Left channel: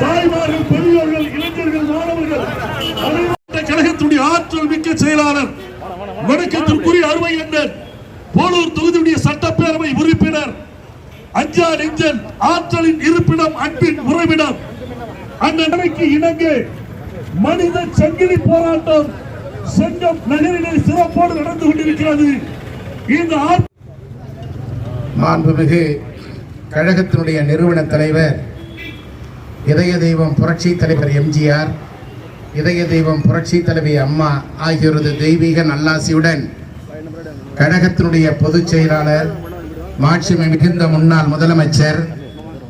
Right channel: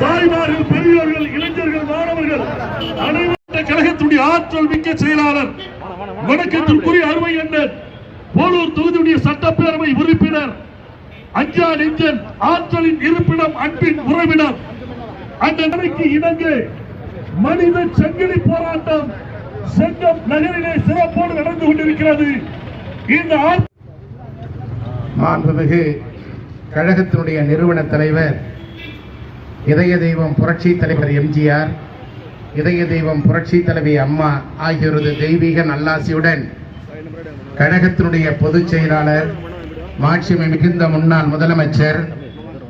தாய்மார்கள், பெரியவர்கள், இளைஞர்கள், மாணவர்கள், கழகத்தினுடைய ஆற்றல் மிக்க செயலாளர், வணக்கத்திற்குரிய அருமை அண்ணன், போலூர் தொகுதியுடைய சட்டப்பேரவை உறுப்பினர், அஞ்சா நெஞ்சன், ஆற்றலின் இருப்பிடம், அன்பின் உறவிடம், அந்த நிலைக்கு இணங்க மனித சங்கிலி போராட்டம் செங்கம் நகரிலே சிறப்போடு நடந்து கொண்டிருக்கிறது. இந்த மாண்புமிகு கழகத்தினுடைய நிறுவன தலைவர், இதய தெய்வம் புரட்சி தலைவர் எம்ஜிஆர், இதய தெய்வம் புரட்சி தலைவி அம்மா ஆகியோரது தெய்வீக நல்லாசியுடன் கழகத்தினுடைய பொதுச் செயலாளர், மாட்சிமை மிகுந்த முன்னாள் முதலமைச்சர்,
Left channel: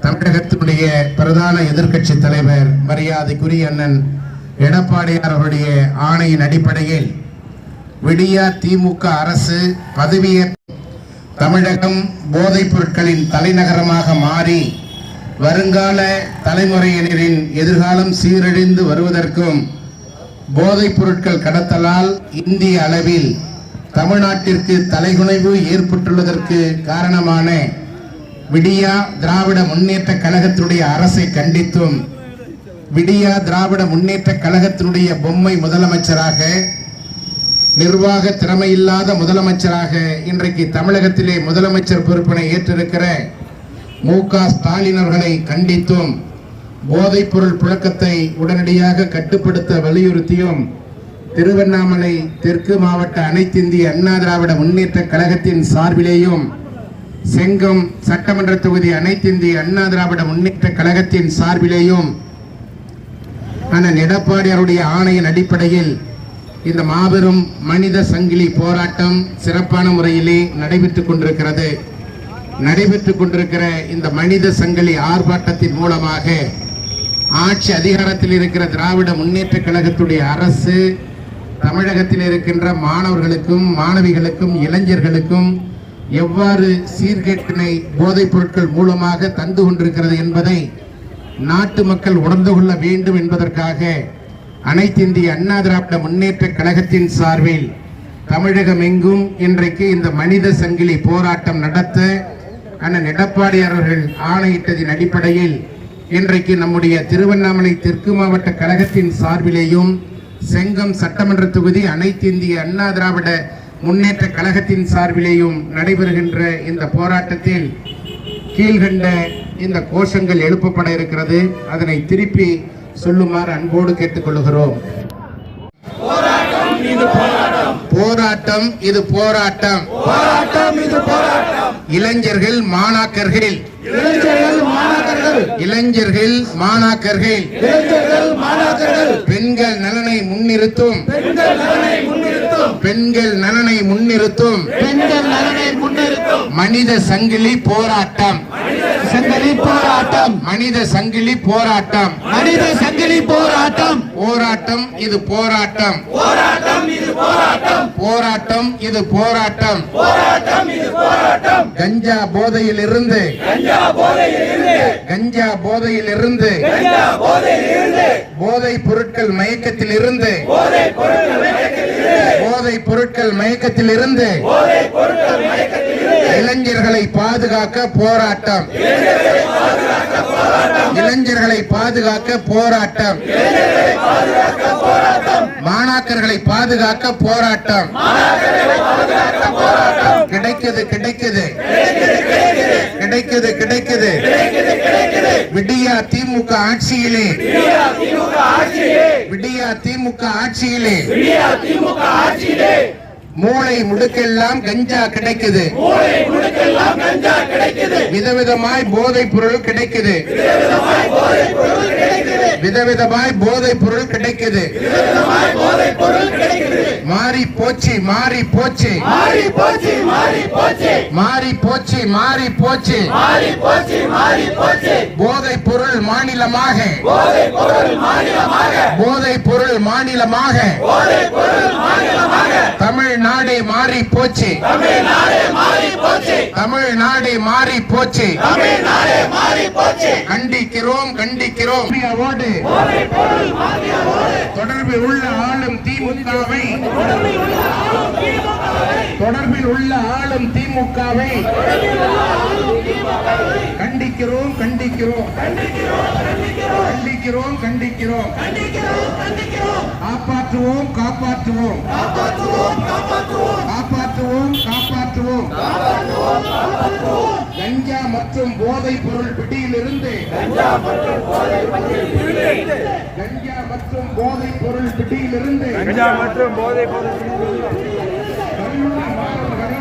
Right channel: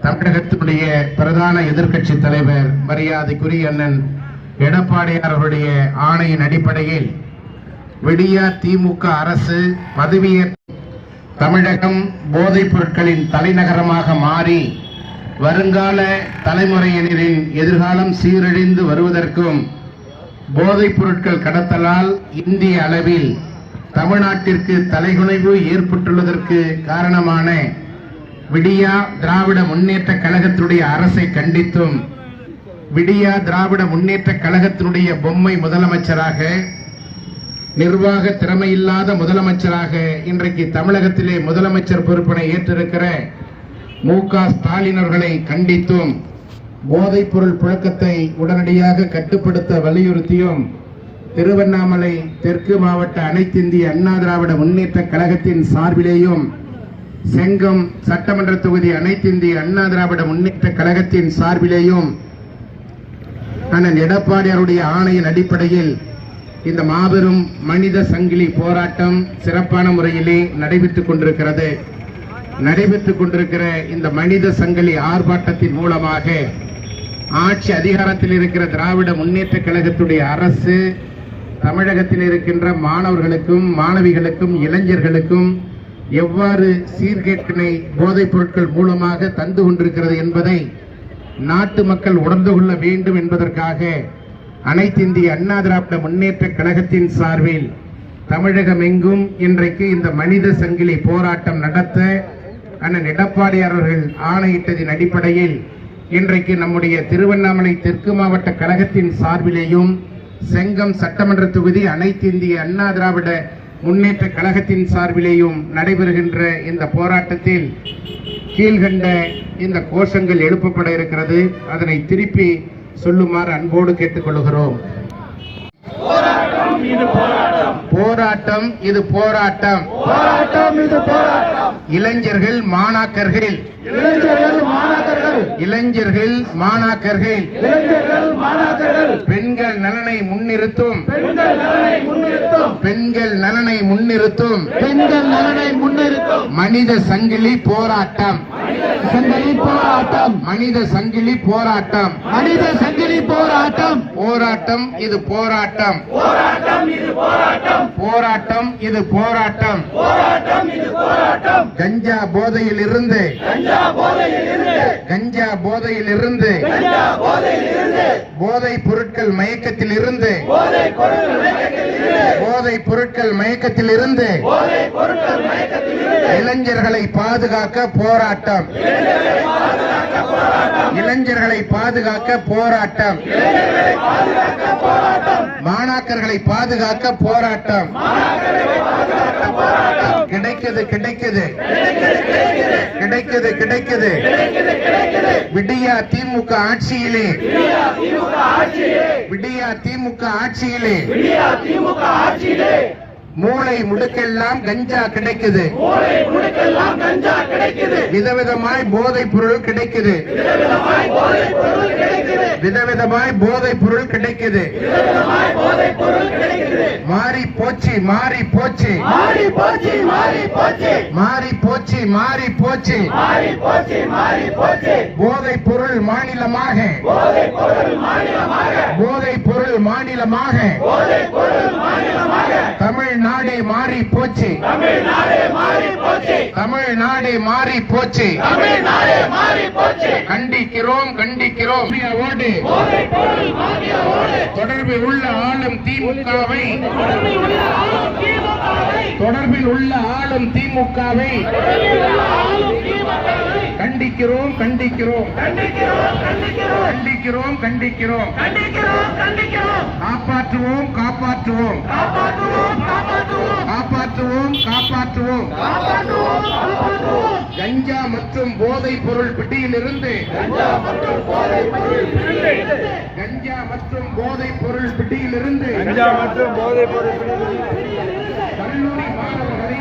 தமிழகத்தினுடைய பிரதான எதிர்க்கட்சி தலைவர், மரியாதைக்குரிய அண்ணன் எடப்பாடியார் அவருடைய ஆணையின் அடிப்படையில் விடியா திமுக அரசு பதவியேற்ற தமிழகம் போதைப் பொருட்களின் தலைநகரமாக மாறி வருங்கால தலைமுறையினரின் எதிர்காலம் சீரழிந்து வருவதற்கும், போதைப் பொருட்கள் கடத்தலால் இந்திய அளவில் தமிழ்நாட்டிற்கு தலைகுனிவு ஏற்பட்டுள்ளதற்கு காரணமான விடியா திராவிட முன்னேற்ற கழகத்தினுடைய அரசை கண்டித்தும், விடியா திராவிட முன்னேற்ற கழகத்தினுடைய பொம்மை முதலமைச்சராக, நிர்வாக திறமையில்லாத முதலமைச்சராக இன்றைக்கு தமிழகத்திலே முதலமைச்சர் பொறுப்பினை ஏற்றிருக்கிற மு.க. ஸ்டாலின் அவர்களை கண்டித்தும், போதைப் பொருள் புழக்கத்தை உடனடியாக கட்டுப்படுத்த வலியுறுத்தியும், திருவண்ணாமலை தெற்கு மாவட்ட அனைத்து இந்திய அண்ணா திராவிட முன்னேற்ற கழகத்தின் சார்பிலேயும், செங்கம் சட்டமன்ற தொகுதி அனைத்து இந்திய அண்ணா திராவிட முன்னேற்ற கழகத்தின் சார்பிலேயும் அண்ணன் எடப்பாடியாருடைய ஆணையின் அடிப்படையில் இந்த மாபெரும் மனித சங்கிலி போராட்டம் சிறப்பான முறையிலே நடைபெற்றுக் கொண்டிருக்கிறது. நடைபெற்றுக் கொண்டிருக்கிற இந்த மனித சங்கிலி ஆர்ப்பாட்டத்தின் மூலமாக ஆட்சி அதிகாரத்தில் இருக்கிற திராவிட முன்னேற்ற கழகத்துடைய அரசு தமிழகத்தில் இருக்கின்ற மாணவர்களுக்கும், மாணவிகளுக்கும், இளைஞர்களுக்கும் எவ்வாறு சீர்கேட்டினை போதைப் பொருட்கள் மூலமாக தந்து கொண்டிருக்கிறது என்பதை நாட்டு மக்கள் உணர்ந்து கொள்ள வேண்டும் என்பதற்காக அனைத்து இந்திய அண்ணா திராவிட முன்னேற்ற கழகத்தின் சார்பில் தமிழகம் எங்கும் இன்றைக்கு இந்த மனித சங்கிலி போராட்டம் நடத்த அண்ணன் எடப்பாடியார் அவர்கள் ஆணையிட்டதின் அடிப்படையில் இன்றைக்கு நம்முடைய திருவண்ணாமலை தெற்கு மாவட்ட கழகத்தின் சார்பிலேயும், செங்கம் சட்டமன்ற தொகுதி அனைத்து இந்திய அண்ணா திராவிட முன்னேற்ற கழகத்தின் சார்பிலேயும் நடைபெறுகின்ற இந்த போராட்டத்தில் கீழ்கண்ட இந்த கோஷங்கள் எழுப்பப்பட இருக்கிறது. அதனை திருப்பி சொல்லுமாறு அன்போடு கேட்டுக்கொள்கிறோம். போராட்டம் இது போராட்டம், இளைஞர்கள் மாணாக்கர்கள், இளைஞர்கள் மாணாக்கர்கள் பெண்கள் நலனை முன்னிறுத்தும், பெண்கள் நலனை முன்னிறுத்தும் மனித சங்கிலி போராட்டம், மனித சங்கிலி போராட்டம், மனித சங்கிலி போராட்டம், போராட்டம் இது போராட்டம், போராட்டம் இது போராட்டம், கஞ்சா போதையில் இருந்து, கஞ்சா போதையில் இருந்து, போதைப் பொருட்கள் மயக்கத்தில் இருந்து, போதைப் பொருட்கள் மயக்கத்தில் இருந்து இளைஞர்களை பாதுகாக்க போராட்டம், இளைஞர்களை பாதுகாக்க போராட்டம், மாணாக்கர்களை பாதுகாக்க போராட்டம். கிடைக்குது கிடைக்குது கிடைக்குது கிடைக்குது விடியா திமுக ஆட்சியிலே, விடியா திமுக ஆட்சியிலே மூளை முடுக்கெல்லாம் கஞ்சா கிடைக்குது, விதவிதமாய் போதைப் பொருள் கிடைக்குது, விதவிதமாய் போதைப் பொருள் கிடைக்குது. மாறி போச்சு மாறி போச்சு மாறி போச்சு மாறி போச்சு மாறி போச்சு போதைப் பொருள் மாநிலமாக, போதைப் பொருள் மாநிலமாக தமிழ்நாடே மாறி போச்சு, தமிழ்நாடே மாறி போச்சு. கண்டிக்கிறோம் கண்டிக்கிறோம். தொடர்பில் உள்ள ஆளும் திமுகவை, தொடர்பில் உள்ள ஆளும் திமுகவை கண்டிக்கிறோம் கண்டிக்கிறோம் கண்டிக்கிறோம் கண்டிக்கிறோம் காப்பாற்றுவோம் காப்பாற்றுவோம் காப்பாற்றுவோம் காப்பாற்றுவோம் கஞ்சா மற்றும் போதைப் பொருள் பிடியிலிருந்து கஞ்சா மற்றும் போதைப் பொருள் பிடியிலிருந்து கல்லூரி மாணவர்களை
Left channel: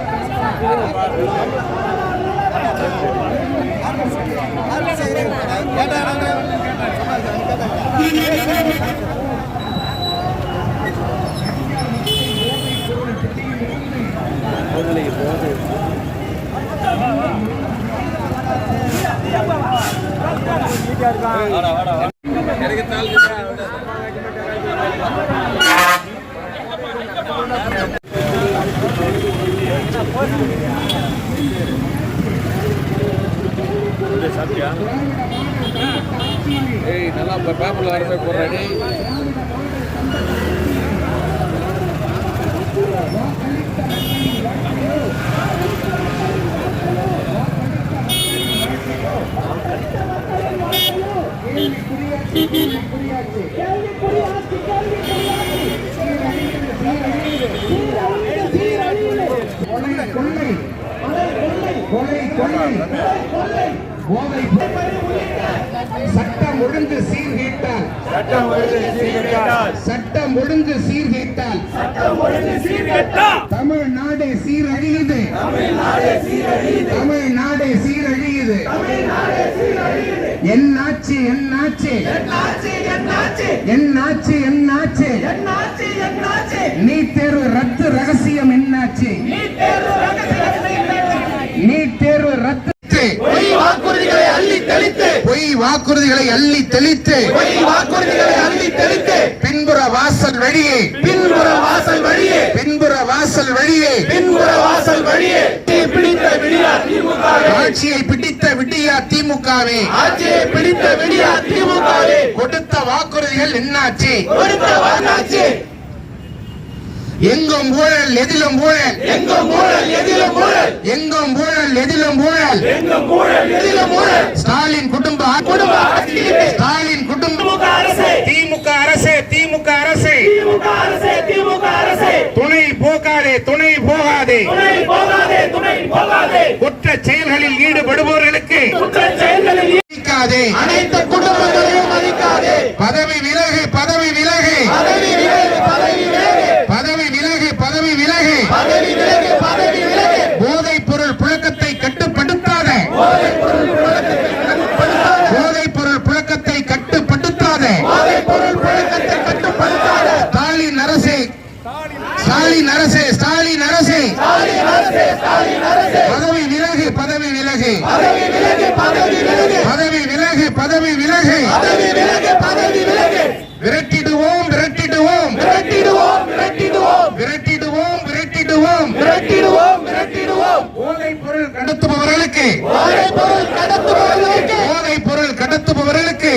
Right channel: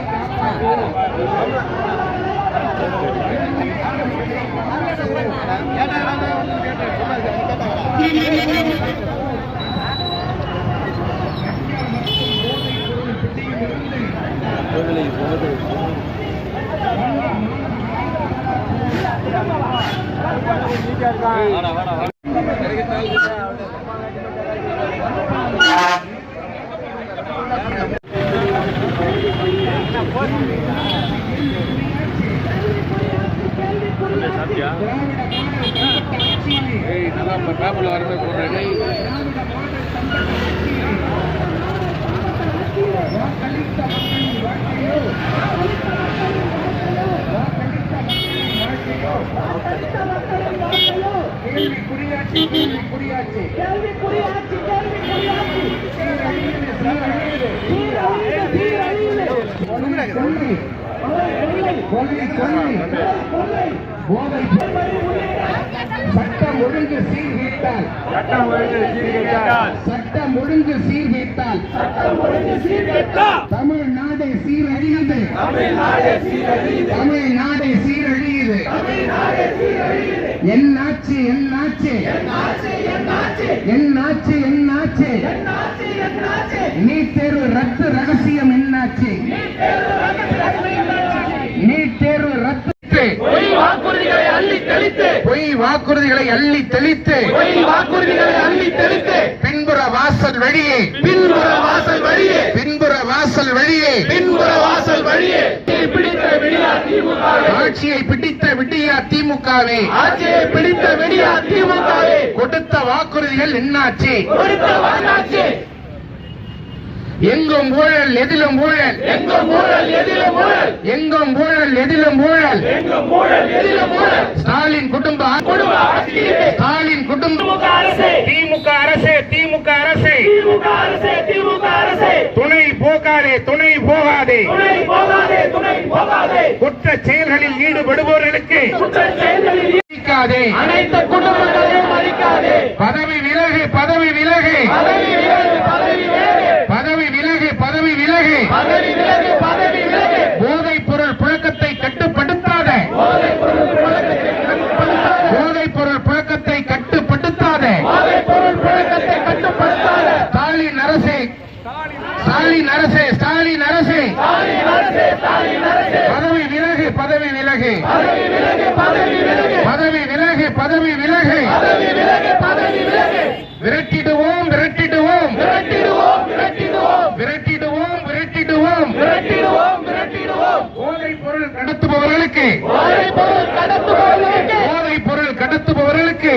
சட்டம் ஒழுங்கு சீர்கேட்டால் சட்டம் ஒழுங்கு சீர்கேட்டால் தமிழ்நாடு சீரழியுது தமிழ்நாடு சீரழியுது என்னாச்சு என்னாச்சு என்னாச்சு என்னாச்சு நீட் தேர்வு ரத்து ரகசியம் என்னாச்சு நீட் தேர்வு ரத்து பொய் வாக்குறுதிகளை அள்ளி தெளித்து பின்புற வாசல் வழியே ஆட்சியை பிடித்த விடியா திமுகவே கொடுத்த வாக்குறுதிகள் என்னாச்சு எங்கும் ஊழல் எதிலும் ஊழல் எங்கும் ஊழல் எதிலும் ஊழல் ஸ்டாலின் குடும்ப ஸ்டாலின் குடும்ப திமுக அரசே துணை போகாதே குற்ற செயல்களில் ஈடுபடுபவர்களுக்கு அனைத்து குடும்பங்களையும் பதவி விலகு போதைப் பொருள் புழக்கத்தை கட்டுப்படுத்தாத ஸ்டாலின் அரசே பதவி விலகு விரட்டிடுவோம் போதைப் பொருள் கடத்துபவர்களுக்கு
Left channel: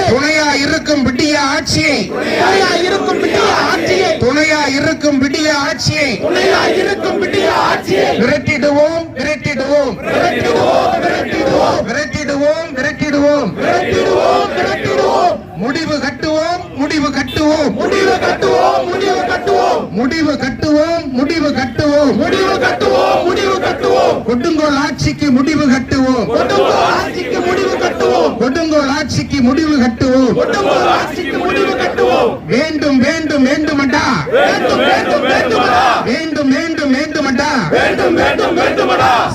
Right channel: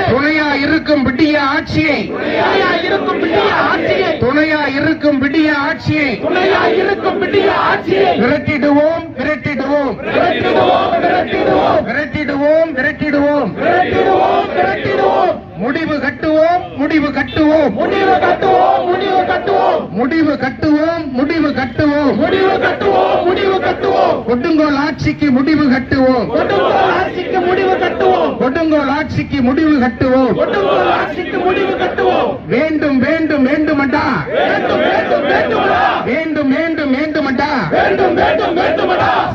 துணையா இருக்கும் விடிய ஆட்சியை விரட்டிடுவோம் முடிவு கட்டுவோம் கொடுங்கோல் ஆட்சிக்கு முடிவு கட்டுவோம் வேண்டும்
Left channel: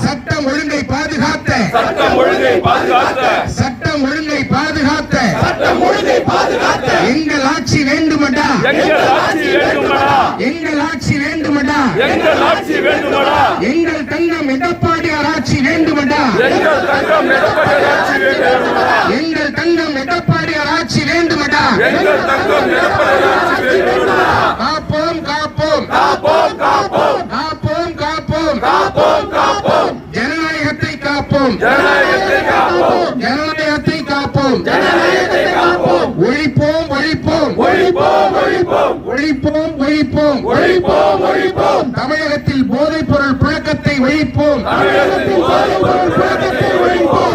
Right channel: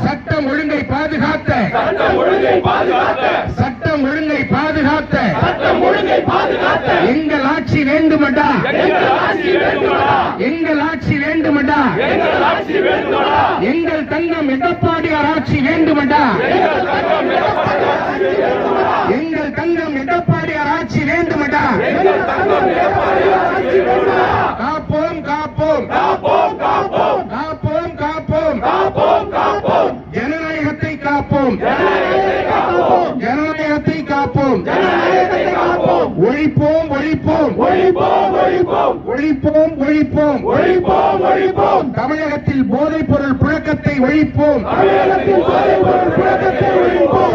சட்டம் ஒழுங்கை பாதுகாத்த எங்கள் ஆட்சி வேண்டுமடா எங்கள் தங்கம் எடப்பாடியார் ஆட்சி வேண்டுமடா காப்போம் ஜனநாயகத்தை காப்போம் ஒழிப்போம் ஒழிப்போம். தமிழகத்தில் போதைப் பொருள் புழக்கத்தை ஒழிப்போம்.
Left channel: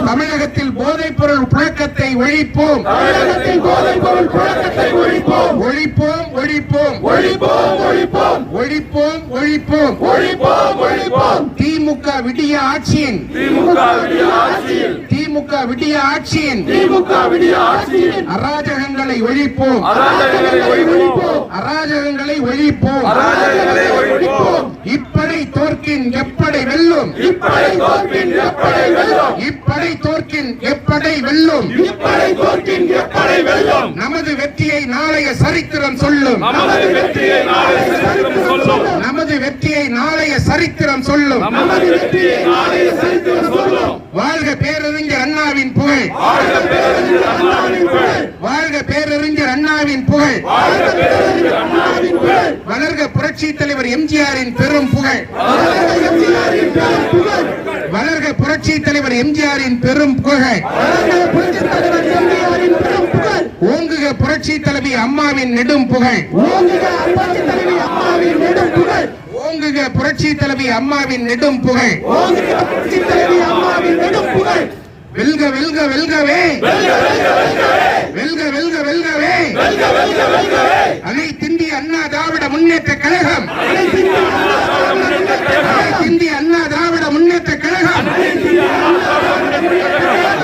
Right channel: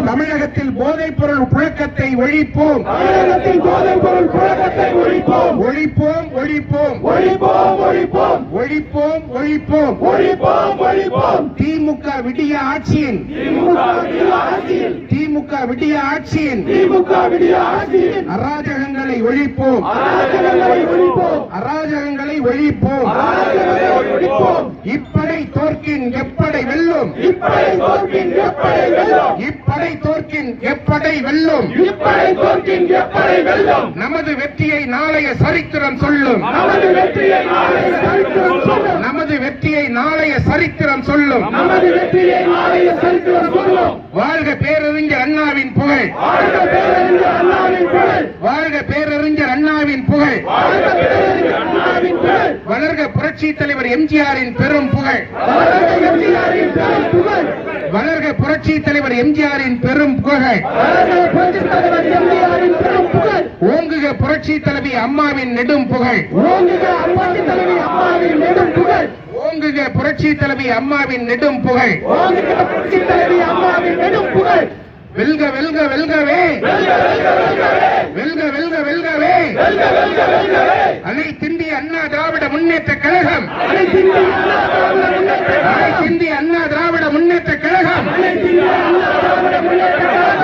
தமிழகத்தில் போதைப் பொருள் புழக்கத்தை ஒழிப்போம். ஒழிப்போம். திமுக விடிய ஆட்சியின் அராஜகங்களை ஒழிப்போம். இப்படை தோற்கின் எப்படை வெல்லும். நமது வெற்றியை நாளைய சரித்திரம் சொல்லும். வாழ்க பேரறிஞர் அண்ணாவின் புகழ். வளர்க புரட்சி தலைவர் எம்ஜிஆரின் பெரும் புகழ். ஓங்குக புரட்சி தலைவி அம்மாவின் நெடும் புகழ். வெல்க வெல்கவே. அனைத்திந்திய அண்ணா திராவிட முன்னேற்ற கழகம்.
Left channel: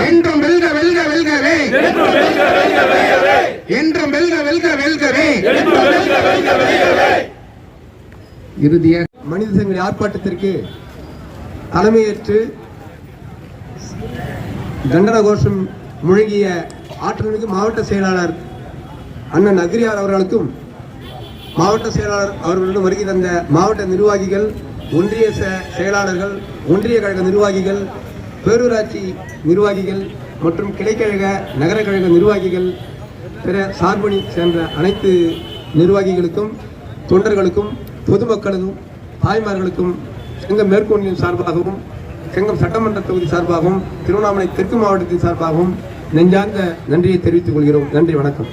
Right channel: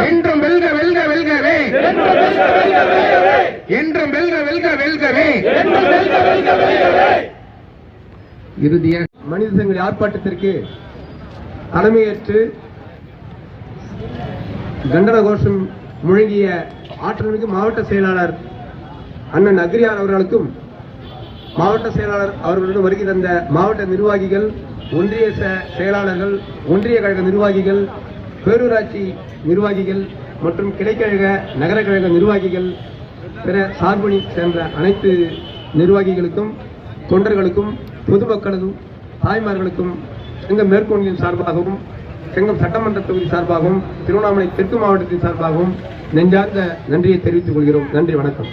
என்றும் வெல்கவே. இறுதியாக மனித சங்கிலி ஆர்ப்பாட்டத்திற்கு தலைமையேற்று கண்டன கோஷம் முழங்கிய ஆற்றல்மிகு மாவட்ட செயலாளர் அண்ணன் அக்ரியார் அவர்களுக்கும், மாவட்ட செயலாளர் அவர்களிடம் வருகை தந்த மாவட்ட நிர்வாகிகள், ஒன்றிய செயலாளர்கள், ஒன்றிய கழக நிர்வாகிகள், பேரூராட்சி நிர்வாகிகள் மற்றும் கிளைக்கழக நகர கழக நிர்வாகிகள், பிற சார்பணி சேர்ந்த அனைத்து நிர்வாகிகளுக்கும், தொண்டர்களுக்கும், பொதுமக்களுக்கும், தாய்மார்களுக்கும் செங்கம் மேற்கொண்டின் சார்பாகவும், செங்கம் சட்டமன்ற தொகுதி சார்பாகவும், திருவண்ணாமலை தெற்கு மாவட்டத்தின் சார்பாகவும் நெஞ்சார்ந்த நன்றியை தெரிவித்துக் கொள்கிறோம். நன்றி, வணக்கம்.